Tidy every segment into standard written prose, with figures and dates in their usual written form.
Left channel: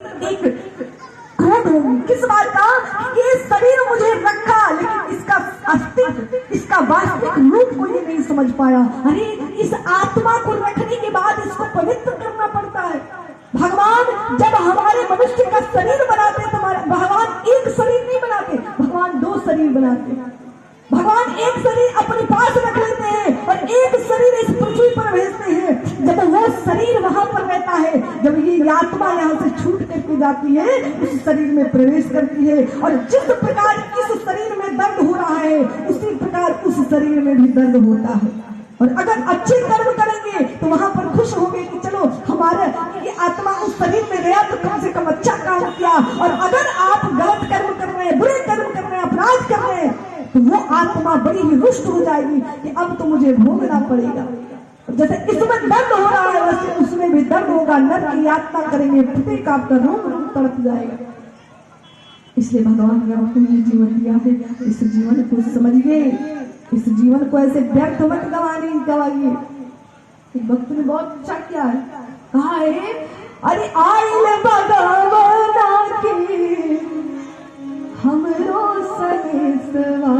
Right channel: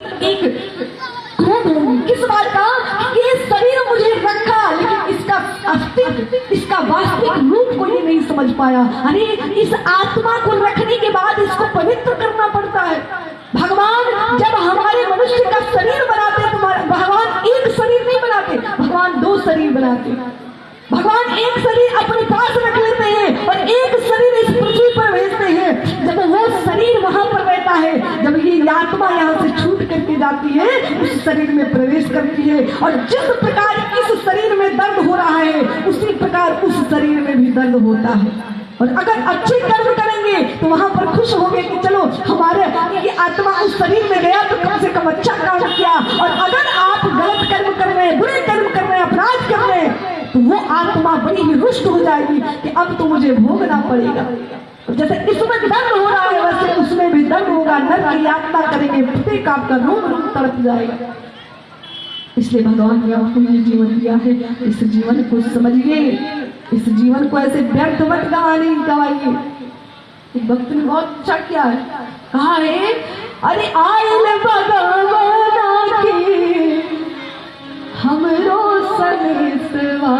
एक क्रोध होगी किस बात का? ये शरीर मुझे रखा लेकिन इसका अस्तित्व, इसका वास्तविक रूप को ये नहीं समझ पाया। अरे इस आत्मा को रखने के बाद इसको पवित्र करना पड़ता है। भगवान जब हमारे मनुष्य का शरीर बनाते हैं, तुम्हारा भगवान एक शरीर नहीं बनाते, भगवान दो शरीर बनाते हैं। भगवान एक शरीर अपने पास रख लेते हैं और एक शरीर इस पृथ्वी पर भेजते हैं। जब वो शरीर वहां पर रहता है, जब ये आत्मा यहाँ से छूट करके जाती है, उस शरीर में प्रवेश करती है और जिस प्रकार इस शरीर में दर्द हो रहा है उसी प्रकार उस शरीर में भी दर्द होता है। और अगर अच्छे कर्म करेंगे तो वहां पर खुश होंगे कि चलो हमारे ये आत्मा उस शरीर में गया तो कम से कम अच्छा काम किया। और अगर आप गलत कर्म कर रहे हैं, बुरे कर्म कर रहे हैं, अपराध कर रहे हैं, तो वो आत्मा बड़ी ही रुष्ट हो जाएगी कि अब तो मुझे भोगना पड़ेगा। जैसे इसमें दर्द हो रहा है वैसे उसमें भी दर्द होगा। नर्क की यातना करेंगे, प्रत्येक आपका रोग तड़प जाएगा। इसलिए भगवान ने आपको ये जीवन दिया है, इस जीवन को समझिए, इस जीवन को ऐसे व्यर्थ मत गवाइए। एक भक्त ने बहुत अच्छा किया है, कहा है अरे आयल भगवान के हमरो सनेसवा,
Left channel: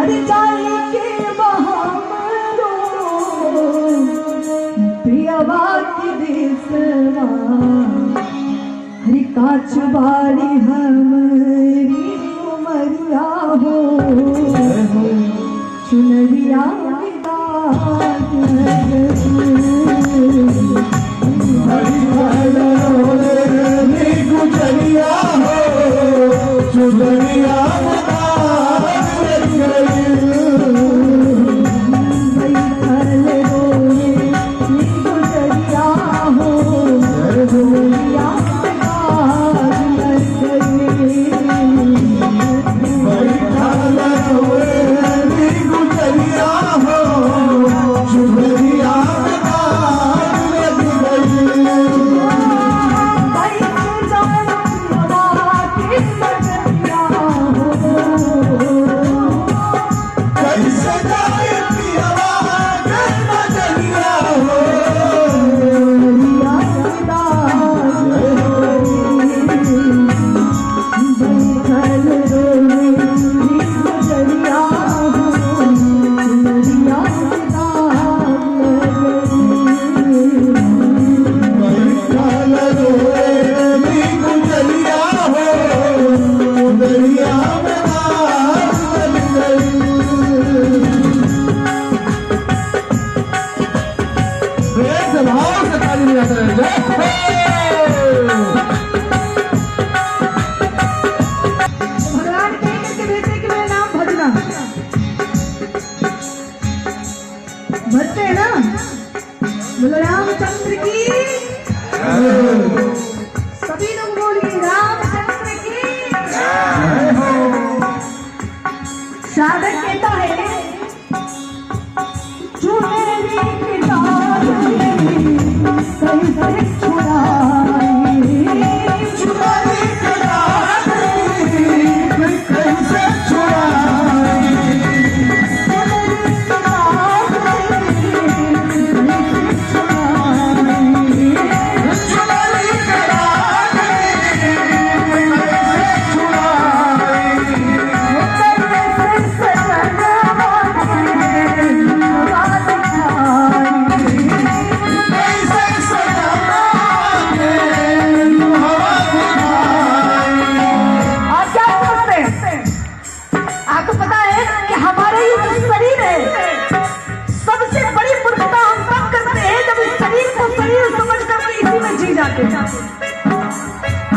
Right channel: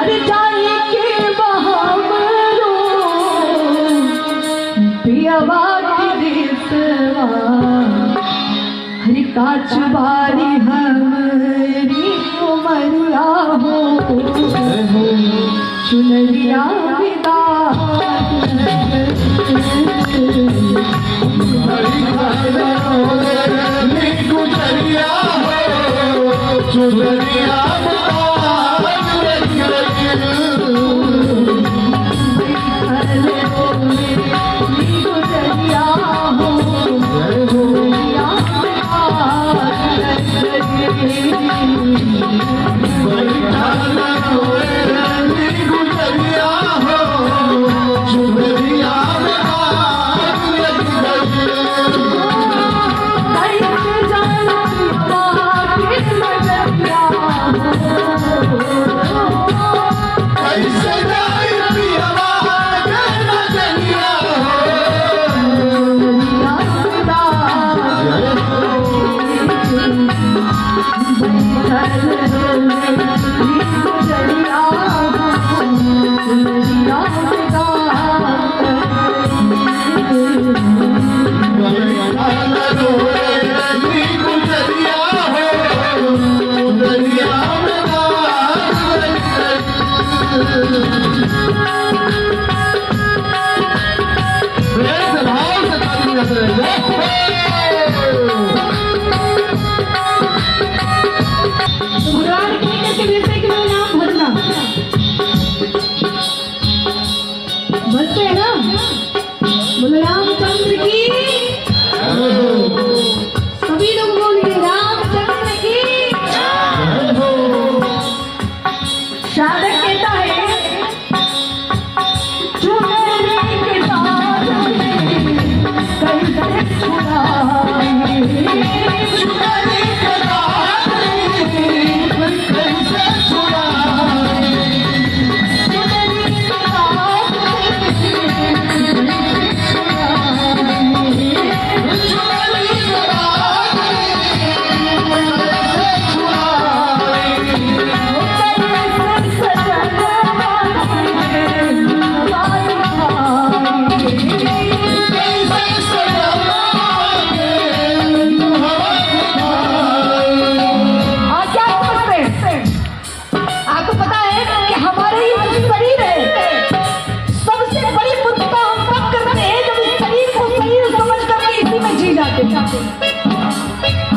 अरे जाए के बहामरो पियवा के देसवा, हरि काच बारी हमारी उमरिया हो चुनरिया विदा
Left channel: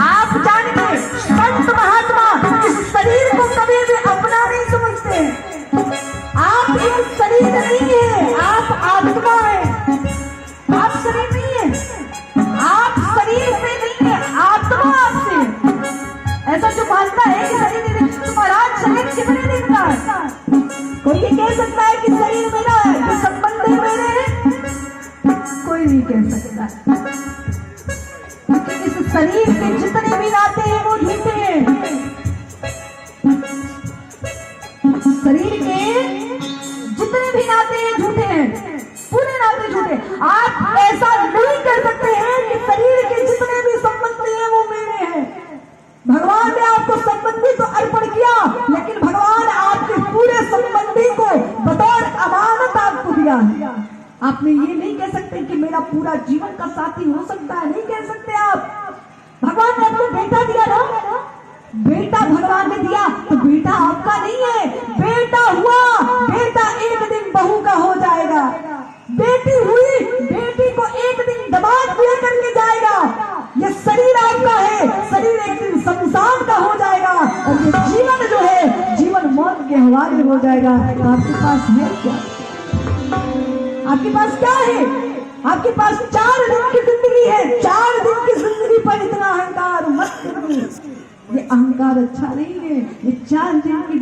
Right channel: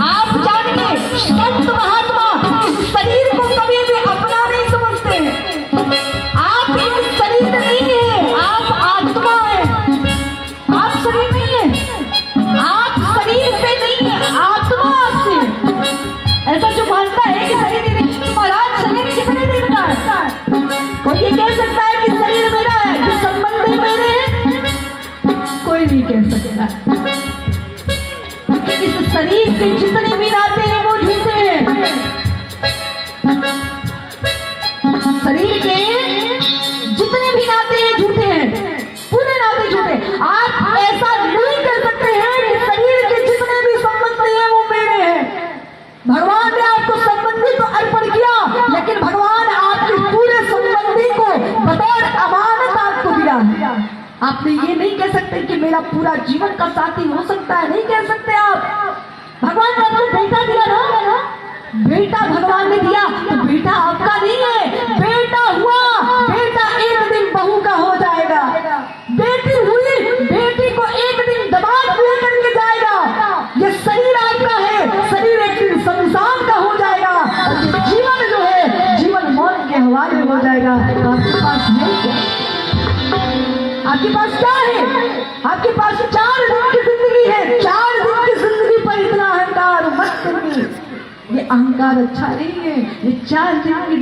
आप जानते संत महात्मा इस शरीर को कभी भी अपना नहीं समझते हैं। आप एक शरीर नहीं है, आप आत्मा है, आप शरीर नहीं है, आप शरीर से नहीं है, आत्मा आपसे। ऐसा जो मानता है कि शरीर नहीं, महाराज शरीर कितने दिन का है? कोई ये कह सकता है कि शरीर मेरा है, कि संबंध मेरे हैं? कोई नहीं कह सकता। शरीर से जितने भी नाते हैं वो झूठे हैं। शरीर के जितने भी नाते हैं झूठे हैं, पूरे नाते झूठे। आप ऐसा नहीं कर सकते हैं कि शरीर के जितने भी संबंध अधिकार अच्छा नहीं है, ये 4 दिन